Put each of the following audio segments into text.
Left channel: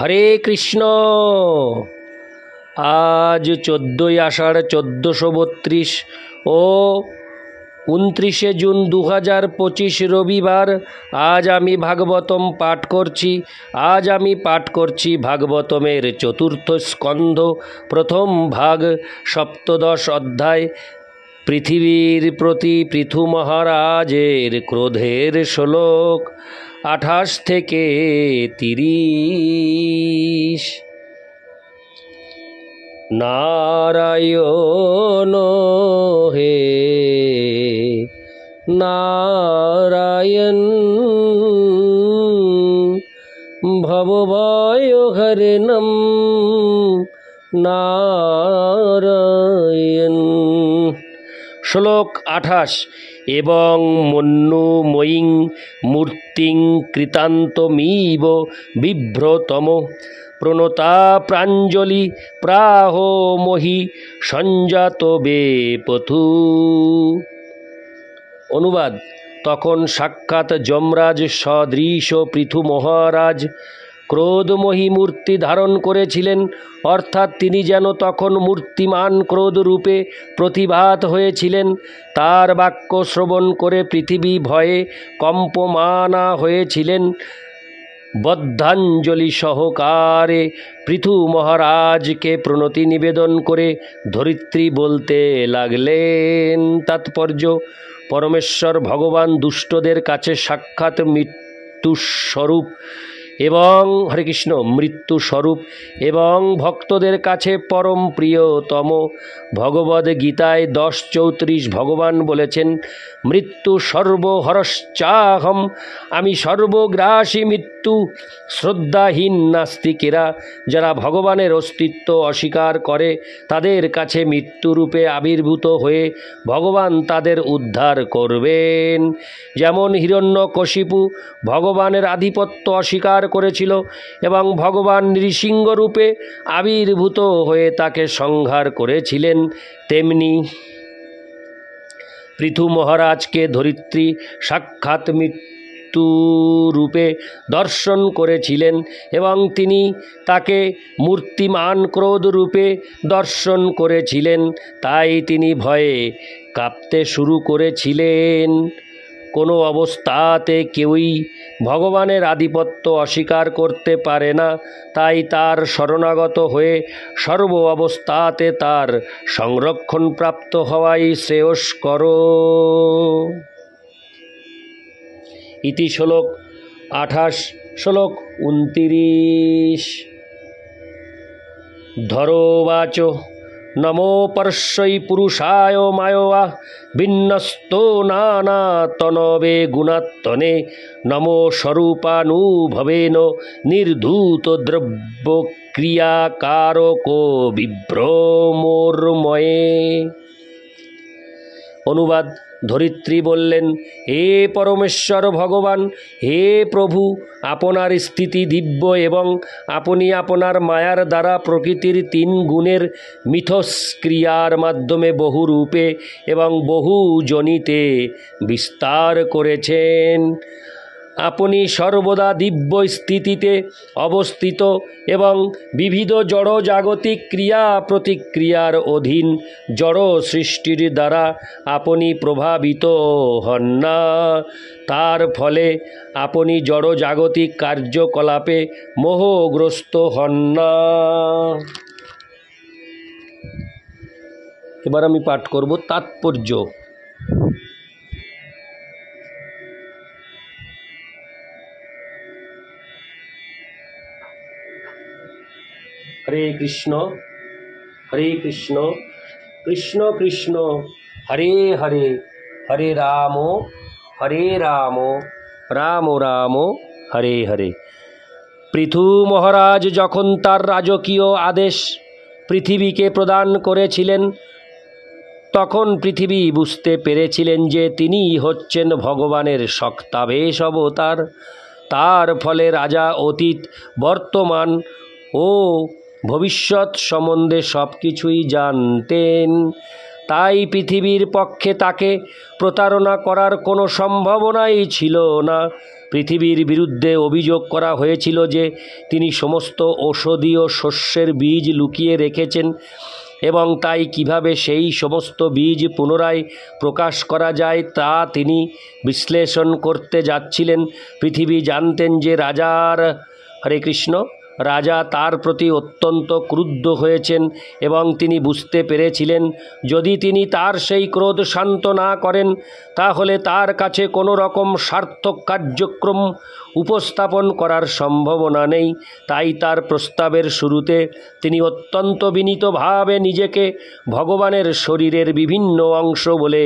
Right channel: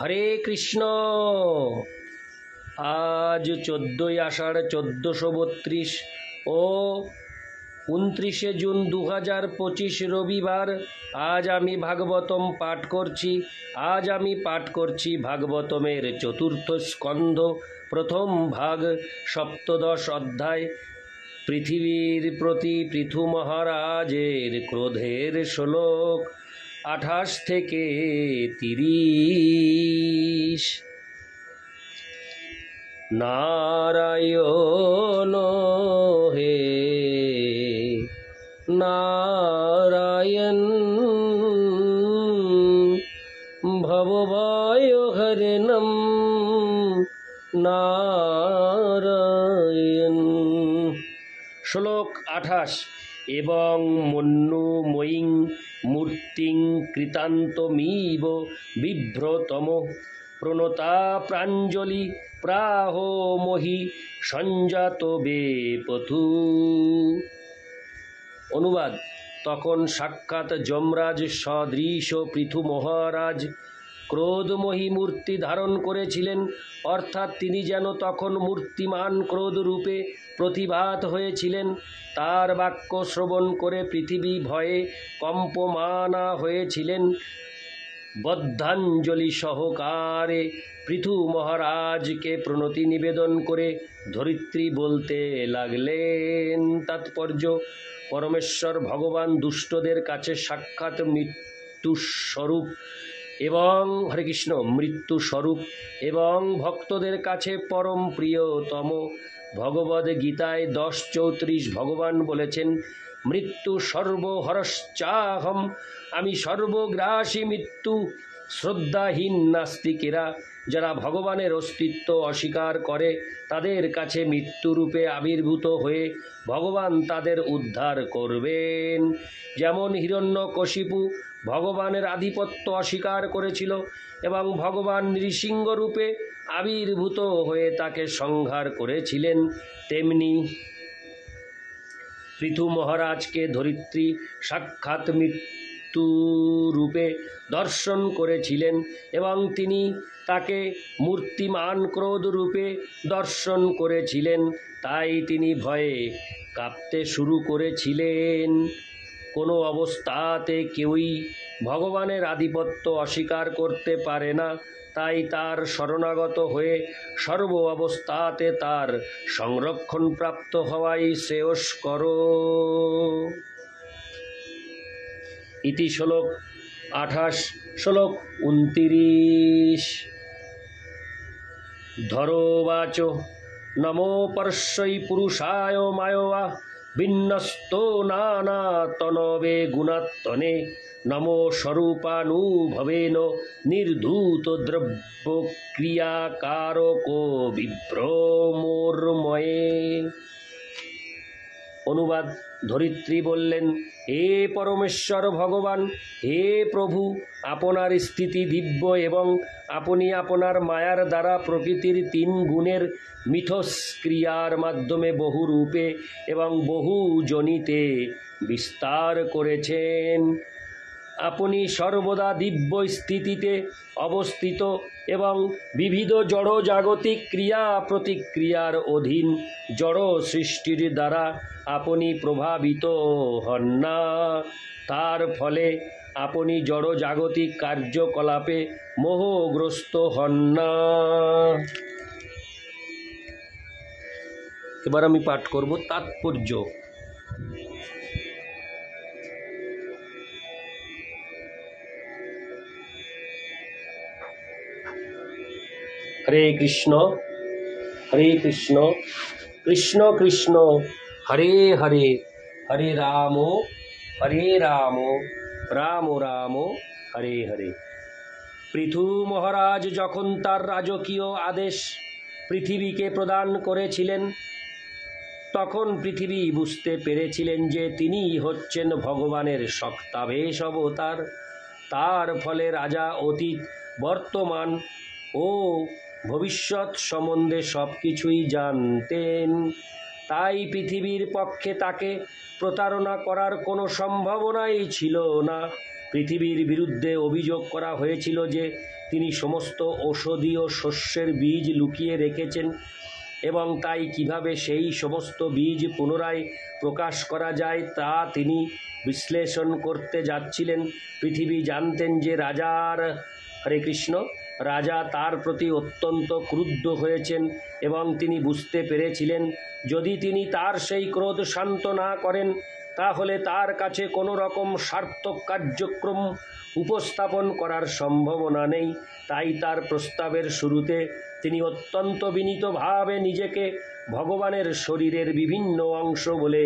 হরে কৃষ্ণ। আজ 14ই আষাঢ় 1432 ও 29শে জুন 2025 রবিবার। আজ আমি ভাগবতম পাঠ করছি। আজ আমি পাঠ করছি ভাগবতমের চতুর্থ স্কন্ধ, প্রথম ভাগ, সপ্তদশ অধ্যায়। পৃথিবীর প্রতি পৃথু মহারাজের ক্রোধের শ্লোক 28 থেকে 30। নারায়ণ হে নারায়ণ, ভবভয় হরণম নারায়ণ। শ্লোক 28। এবং মন্যুময়ীং মূর্তিং কৃতান্তমিব বিভ্রতম প্রণতা প্রাঞ্জলি প্রাহ মহি সঞ্জাত বেপথু। অনুবাদ। তখন সাক্ষাৎ যমরাজ সদৃশ পৃথু মহারাজ ক্রোধময়ী মূর্তি ধারণ করেছিলেন, অর্থাৎ তিনি যেন তখন মূর্তিমান ক্রোধ রূপে প্রতিভাত হয়েছিলেন। তার বাক্য শ্রবণ করে পৃথিবী ভয়ে কম্পমানা হয়েছিলেন। বদ্ধাঞ্জলি সহকারে পৃথু মহারাজকে প্রণতি নিবেদন করে ধরিত্রী বলতে লাগলেন। তাৎপর্য: পরমেশ্বর ভগবান দুষ্টদের কাছে সাক্ষাৎ মৃত্যুস্বরূপ এবং মৃত্যুস্বরূপ এবং ভক্তদের কাছে পরম প্রিয়তম। ভগবদ গীতায় 10:34 ভগবান বলেছেন, মৃত্যু সর্বহরশ্চাহম, আমি সর্বগ্রাসী মৃত্যু। শ্রদ্ধাহীন নাস্তিকেরা, যারা ভগবানের অস্তিত্ব অস্বীকার করে, তাদের কাছে মৃত্যুরূপে আবির্ভূত হয়ে ভগবান তাদের উদ্ধার করবেন। যেমন হিরণ্যকশিপু ভগবানের আধিপত্য অস্বীকার করেছিল এবং ভগবান নৃসিংহরূপে আবির্ভূত হয়ে তাকে সংহার করেছিলেন, তেমনি পৃথু মহারাজকে ধরিত্রী সাক্ষাৎ মৃত্যুরূপে দর্শন করেছিলেন এবং তিনি তাকে মূর্তিমান ক্রোধ রূপে দর্শন করেছিলেন। তাই তিনি ভয়ে কাঁপতে শুরু করেছিলেন। কোনো অবস্থাতে কেউই ভগবানের আধিপত্য অস্বীকার করতে পারে না, তাই তার শরণাগত হয়ে সর্ব অবস্থাতে তার সংরক্ষণ প্রাপ্ত হওয়াই শ্রেয়স্কর। ইতি শ্লোক 28। শ্লোক 29। ধরোবাচ নমো পরশ্বৈ পুরুষায় মায়োয়া বিন্যস্তো নানাতনবে গুণাত্তনে নমো স্বরূপানুভবেন নির্ধূত দ্রব্য ক্রিয়াকারকো বিভ্রমোর্ময়ে। অনুবাদ। ধরিত্রী বললেন, হে পরমেশ্বর ভগবান, হে প্রভু, আপনার স্থিতি দিব্য এবং আপনি আপনার মায়ার দ্বারা প্রকৃতির 3 গুণের মিথস্ক্রিয়ার মাধ্যমে বহু রূপে এবং বহু জনিতে বিস্তার করেছেন। আপনি সর্বদা দিব্য স্থিতিতে অবস্থিত এবং বিবিধ জড় জাগতিক ক্রিয়া প্রতিক্রিয়ার অধীন। জড় সৃষ্টির দ্বারা আপনি প্রভাবিত হন না, তার ফলে আপনি জড় জাগতিক কার্যকলাপে মোহগ্রস্ত হন না। এবার আমি পাঠ করব তাৎপর্য। হরে কৃষ্ণ হরে কৃষ্ণ কৃষ্ণ কৃষ্ণ হরে হরে, হরে রাম রাম রাম হরে হরে। পৃথু মহারাজ যখন তার রাজকীয় আদেশ পৃথিবীকে প্রদান করেছিলেন, তখন পৃথিবী বুঝতে পেরেছিলেন যে তিনি হচ্ছেন ভগবানের শক্তাবেশ অবতার। তার ফলে রাজা অতীত, বর্তমান ও ভবিষ্যৎ সম্বন্ধে সব কিছুই জানতেন। তাই পৃথিবীর পক্ষে তাকে প্রতারণা করার কোনো সম্ভাবনাই ছিল না। পৃথিবীর বিরুদ্ধে অভিযোগ করা হয়েছিল যে তিনি সমস্ত ঔষধীয় শস্যের বীজ লুকিয়ে রেখেছেন এবং তাই কিভাবে সেই সমস্ত বীজ পুনরায় প্রকাশ করা যায় তা তিনি বিশ্লেষণ করতে যাচ্ছিলেন। পৃথিবী জানতেন যে হরে কৃষ্ণ, রাজা তার প্রতি অত্যন্ত ক্রুদ্ধ হয়েছেন এবং তিনি বুঝতে পেরেছিলেন যদি তিনি তার সেই ক্রোধ শান্ত না করেন তাহলে তার কাছে কোনো রকম সার্থক কার্যক্রম উপস্থাপন করার সম্ভাবনা নেই। তাই তার প্রস্তাবের শুরুতে তিনি অত্যন্ত বিনীতভাবে নিজেকে ভগবানের শরীরের বিভিন্ন অংশ বলে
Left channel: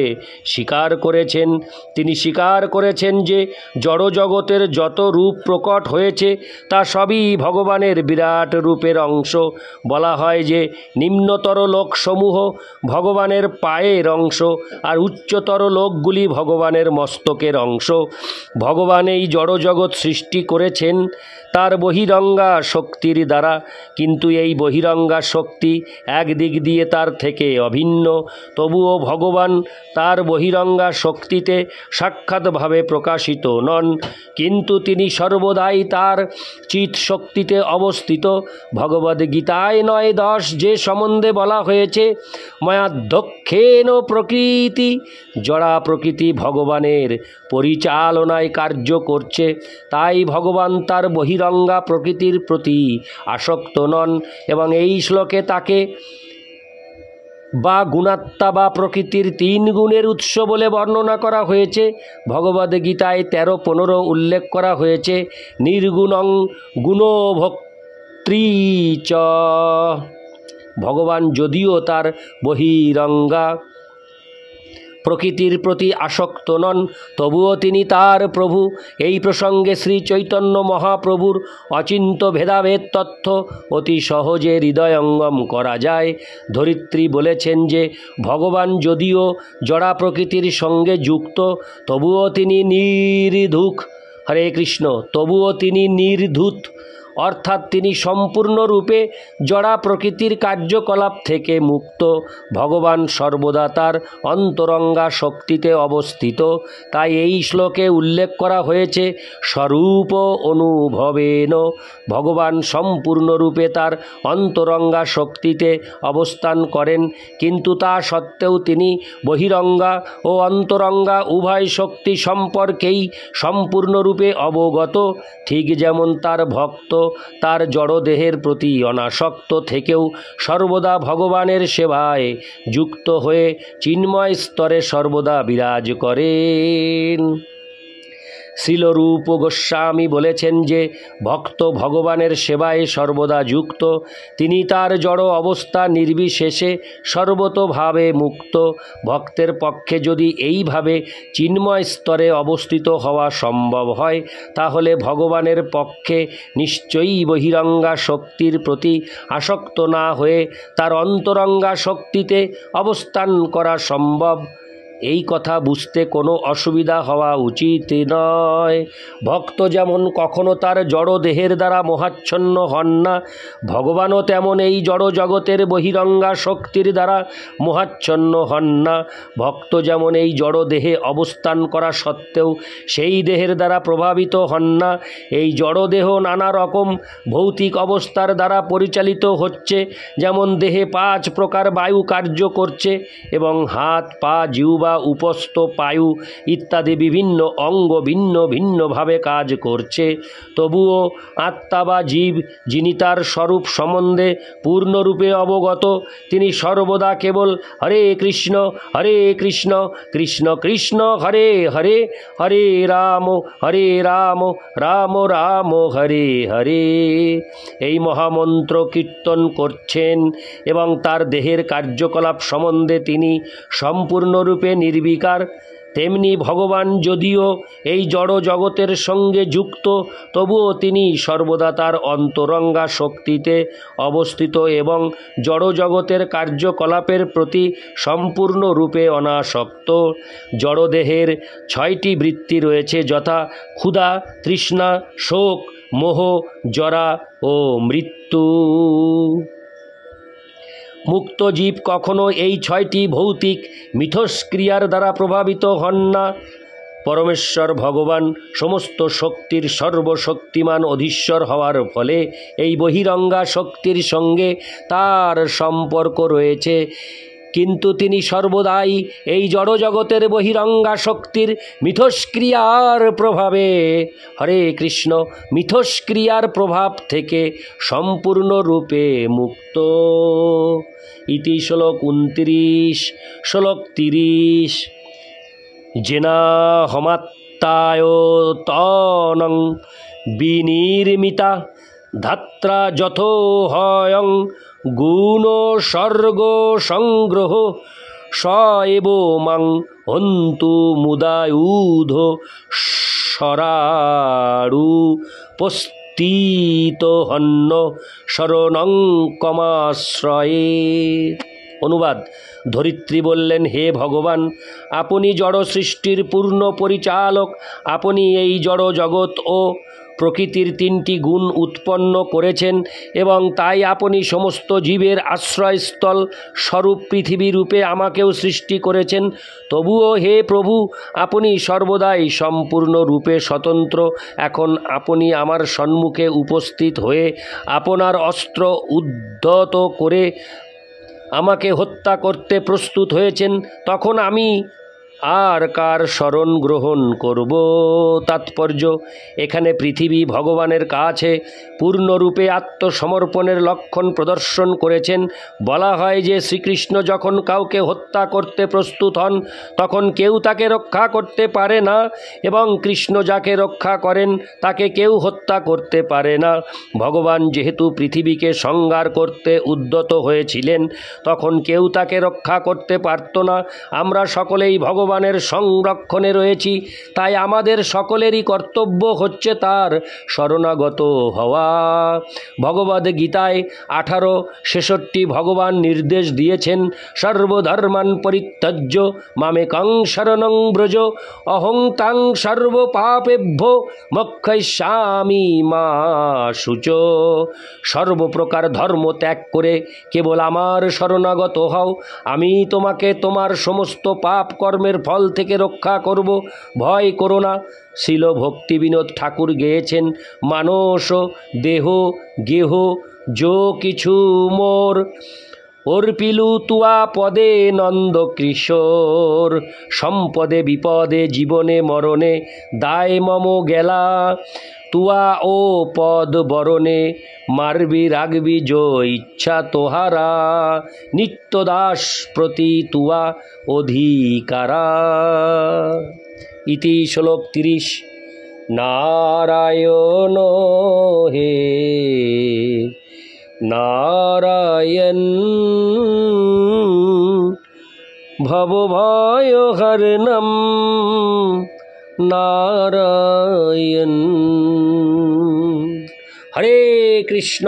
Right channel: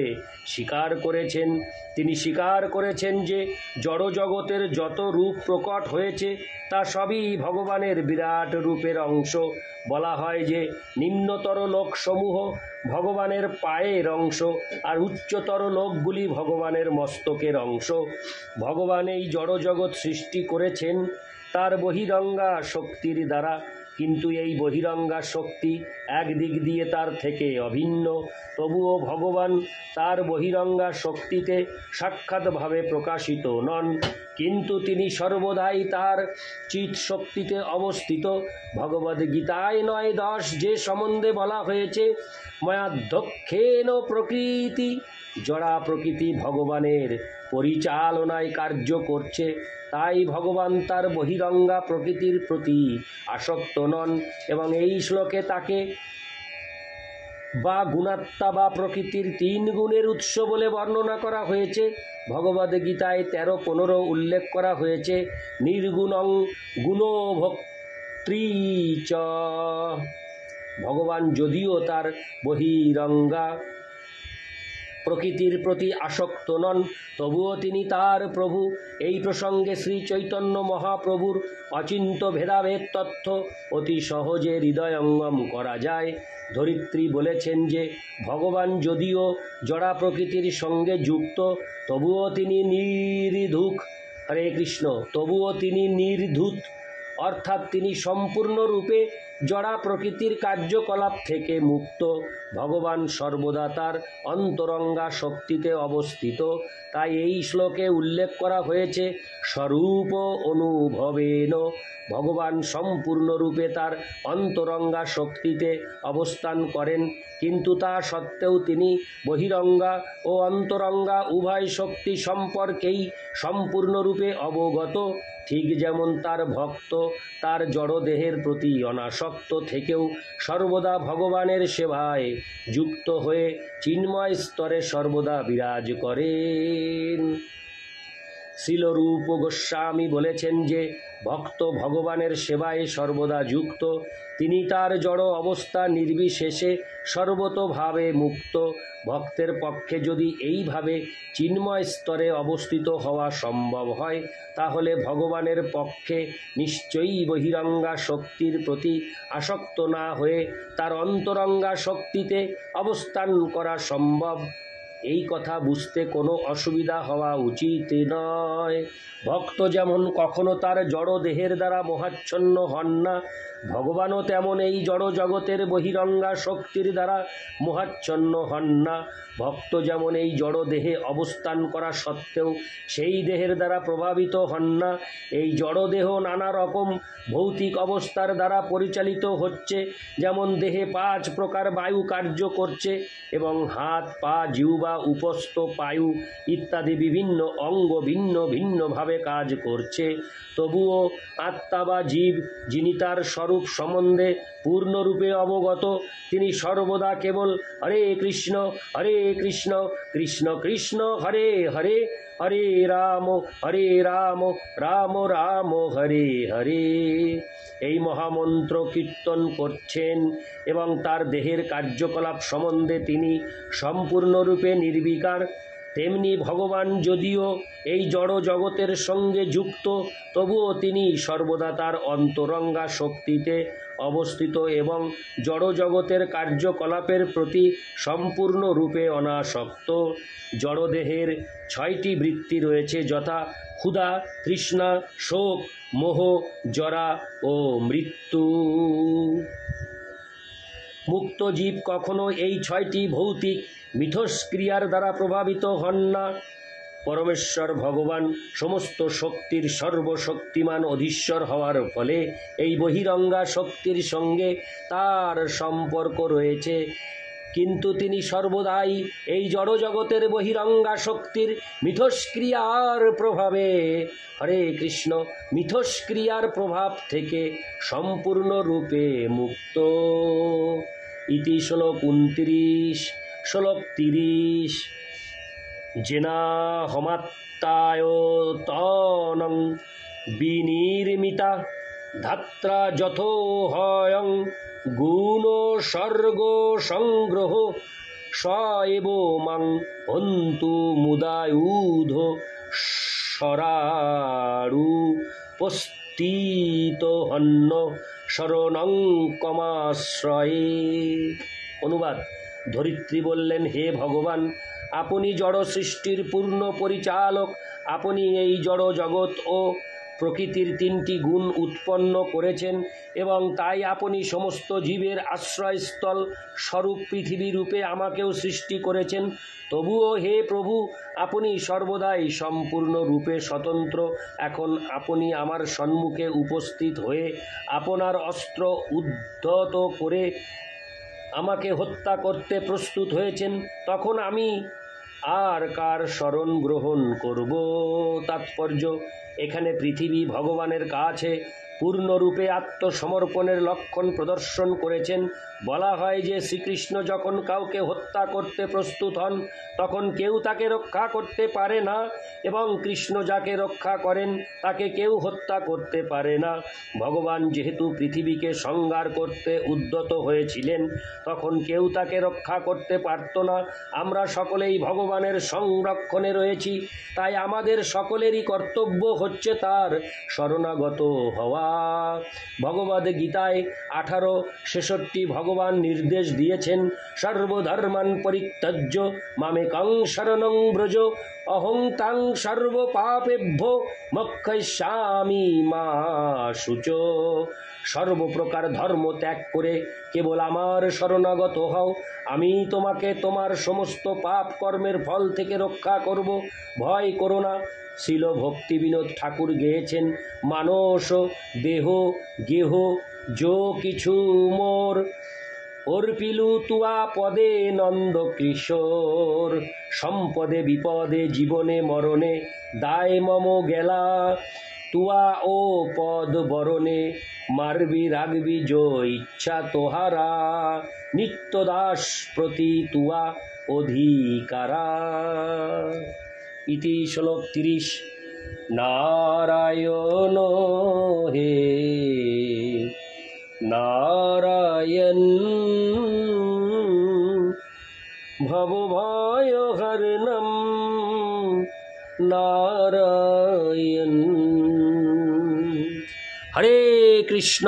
স্বীকার করেছেন। তিনি স্বীকার করেছেন যে জড়জগতের যত রূপ প্রকট হয়েছে তা সবই ভগবানের বিরাট রূপের অংশ। বলা হয় যে নিম্নতর লোকসমূহ ভগবানের পায়ের অংশ আর উচ্চতর লোকগুলি ভগবানের মস্তকের অংশ। ভগবান এই জড়জগৎ সৃষ্টি করেছেন তার বহিরঙ্গা শক্তির দ্বারা, কিন্তু এই বহিরঙ্গা শক্তি একদিক দিয়ে তার থেকে অভিন্ন। তবুও ভগবান তার বহিরঙ্গা শক্তিতে সাক্ষাৎভাবে প্রকাশিত নন, কিন্তু তিনি সর্বদাই তার চিৎ শক্তিতে অবস্থিত। ভগবদ্গীতায় 9:10 যে সম্বন্ধে বলা হয়েছে ময়াধ্যক্ষেন প্রকৃতি, জড়া প্রকৃতি ভগবানের পরিচালনায় কার্য করছে, তাই ভগবান তার বহিরঙ্গা প্রকৃতির প্রতি আসক্ত নন। এবং এই শ্লোকে তাকে বা গুণাত্মা বা প্রকৃতির 3 গুণের উৎস বলে বর্ণনা করা হয়েছে। ভগবদ্গীতায় 13-15 উল্লেখ করা হয়েছে নির্গুণং গুণভোক্তৃ চ। ভগবান যদিও তার বহিরঙ্গা প্রকৃতির প্রতি আসক্ত নন, তবুও তিনি তার প্রভু। এই প্রসঙ্গে শ্রী চৈতন্য মহাপ্রভুর অচিন্ত ভেদাভেদ তথ্য অতি সহজে হৃদয়ঙ্গম করা যায়। ধরিত্রী বলেছেন যে ভগবান যদিও জড়া প্রকৃতির সঙ্গে যুক্ত, তবুও তিনি নির্ধূক। হরে কৃষ্ণ, তবুও তিনি নির্ধূত, অর্থাৎ তিনি সম্পূর্ণরূপে জড়া প্রকৃতির কার্যকলাপ থেকে মুক্ত। ভগবান সর্বদা তার অন্তরঙ্গা শক্তিতে অবস্থিত। তাই এই শ্লোকে উল্লেখ করা হয়েছে স্বরূপ অনুভবেন। ভগবান সম্পূর্ণরূপে তার অন্তরঙ্গা শক্তিতে অবস্থান করেন, কিন্তু তা সত্ত্বেও তিনি বহিরঙ্গা ও অন্তরঙ্গা উভয় শক্তি সম্পর্কেই সম্পূর্ণরূপে অবগত। ঠিক যেমন তার ভক্ত তার জড়দেহের প্রতি অনাসক্ত থেকেও সর্বদা ভগবানের সেবায় যুক্ত হয়ে চিন্ময় স্তরে সর্বদা বিরাজ করেন। শ্রীলরূপ গোস্বামী বলেছেন যে ভক্ত ভগবানের সেবায় সর্বদা যুক্ত, তিনি তার জড় অবস্থা নির্বিশেষে সর্বতোভাবে মুক্ত। ভক্তের পক্ষে যদি এইভাবে চিন্ময় স্তরে অবস্থিত হওয়া সম্ভব হয় তাহলে ভগবানের পক্ষে নিশ্চয়ই বহিরঙ্গা শক্তির প্রতি আসক্ত না হয়ে তার অন্তরঙ্গা শক্তিতে অবস্থান করা সম্ভব। এই কথা বুঝতে কোনো অসুবিধা হওয়া উচিত নয়। ভক্ত যেমন কখনো তার জড় দেহের দ্বারা মোহাচ্ছন্ন হন না, ভগবানও তেমন এই জড় জগতের বহিরঙ্গা শক্তির দ্বারা মোহাচ্ছন্ন হন না। ভক্ত যেমন এই জড় দেহে অবস্থান করা সত্ত্বেও সেই দেহের দ্বারা প্রভাবিত হন না। এই জড় দেহ নানা রকম ভৌতিক অবস্থার দ্বারা পরিচালিত হচ্ছে, যেমন দেহে 5 প্রকার বায়ু কার্য করছে এবং হাত, পা, জিহ্বা, উপস্থ, পায়ু ইত্যাদি বিভিন্ন অঙ্গ ভিন্ন ভিন্নভাবে কাজ করছে। তবুও আত্মা বা জীব, যিনি তার স্বরূপ সম্বন্ধে পূর্ণরূপে অবগত, তিনি সর্বদা কেবল হরে কৃষ্ণ কৃষ্ণ কৃষ্ণ হরে হরে, হরে রাম রাম রাম হরে হরে এই মহামন্ত্র কীর্তন করছেন এবং তার দেহের কার্যকলাপ সম্বন্ধে তিনি সম্পূর্ণরূপে নির্বিকার। তেমনি ভগবান যদিও এই জড় জগতের সঙ্গে যুক্ত, তবুও তিনি সর্বদা তার অন্তরঙ্গা শক্তিতে অবস্থিত এবং জড় জগতের কার্যকলাপের প্রতি সম্পূর্ণরূপে অনাসক্ত। জড়দেহের 6টি বৃত্তি রয়েছে, যথা ক্ষুধা, তৃষ্ণা, শোক, মোহ, জরা ও মৃত্যু। মুক্ত জীব কখনো এই 6টি ভৌতিক মিথস্ক্রিয়ার দ্বারা প্রভাবিত হন না। পরমেশ্বর ভগবান সমস্ত শক্তির সর্বশক্তিমান অধীশ্বর হওয়ার ফলে এই বহিরঙ্গা শক্তির সঙ্গে তার সম্পর্ক রয়েছে, কিন্তু তিনি সর্বদাই এই জড়জগতের বহিরঙ্গা শক্তির মিথস্ক্রিয়ার প্রভাবে, হরে কৃষ্ণ, মিথস্ক্রিয়ার প্রভাব থেকে সম্পূর্ণরূপে মুক্ত। ইতি শ্লোক 29। শ্লোক 30। জেনাহমাত্তায়তনং বিনির্মিতা ধাত্রা যথোহয়ং গুণ স্বর্গ সংগ্রহ স এব মাং হন্তু মুদায়ুধ সরাড়ু পস্তিত হন্য শরণং কমাশ্রয়ে। অনুবাদ: ধরিত্রী বললেন, হে ভগবান, আপনি জড় সৃষ্টির পূর্ণ পরিচালক। আপনি এই জড় জগৎ ও প্রকৃতির 3টি গুণ উৎপন্ন করেছেন এবং তাই আপনি সমস্ত জীবের আশ্রয়স্থল স্বরূপ পৃথিবী রূপে আমাকেও সৃষ্টি করেছেন। তবুও হে প্রভু, আপনি সর্বদাই সম্পূর্ণ রূপে স্বতন্ত্র। এখন আপনি আমার সম্মুখে উপস্থিত হয়ে আপনার অস্ত্র উদ্ধত করে আমাকে হত্যা করতে প্রস্তুত হয়েছেন। তখন আমি আর কার শরণ গ্রহণ করব? তাৎপর্য: এখানে পৃথিবী ভগবানের কাছে পূর্ণরূপে আত্মসমর্পণের লক্ষণ প্রদর্শন করেছেন। বলা হয় যে শ্রীকৃষ্ণ যখন কাউকে হত্যা করতে প্রস্তুত হন তখন কেউ তাকে রক্ষা করতে পারে না, এবং কৃষ্ণ যাকে রক্ষা করেন তাকে কেউ হত্যা করতে পারে না। ভগবান যেহেতু পৃথিবীকে সংহার করতে উদ্যত হয়েছিলেন, তখন কেউ তাকে রক্ষা করতে পারত না। আমরা সকলেই ভগবানের সংরক্ষণে রয়েছি, তাই আমাদের সকলেরই কর্তব্য হচ্ছে তার শরণাগত হওয়া। ভগবদ গীতায় 18:66 ভগবান নির্দেশ দিয়েছেন, সর্বধর্মান পরিত্যজ্য মামেকং শরণং ব্রজ অহং তাং সর্বপাপেভ্যো মোক্ষয়িষ্যামি মা শুচ। সর্বপ্রকার ধর্ম ত্যাগ করে কেবল আমার শরণাগত হও, আমি তোমাকে তোমার সমস্ত পাপ কর্মের ফল থেকে রক্ষা করব। ভয় করো না। শিল ভক্তিবিনোদ ঠাকুর গেয়েছেন, মানস দেহ গেহ যো কিছু মোর অর্পিলু তুয়া পদে নন্দ কিশোর। সম্পদে বিপদে জীবনে মরণে দায় মম গেলা, তুয়া ও পদ বরণে মারবি রাগবি যো ইচ্ছা তোহারা, নিত্যদাস প্রতি তুয়া অধিকারা। ইতি শ্লোক 30। নারায়ণ হে নারায়ণ ভবভয়হরণম নারায়ণ। হরে কৃষ্ণ।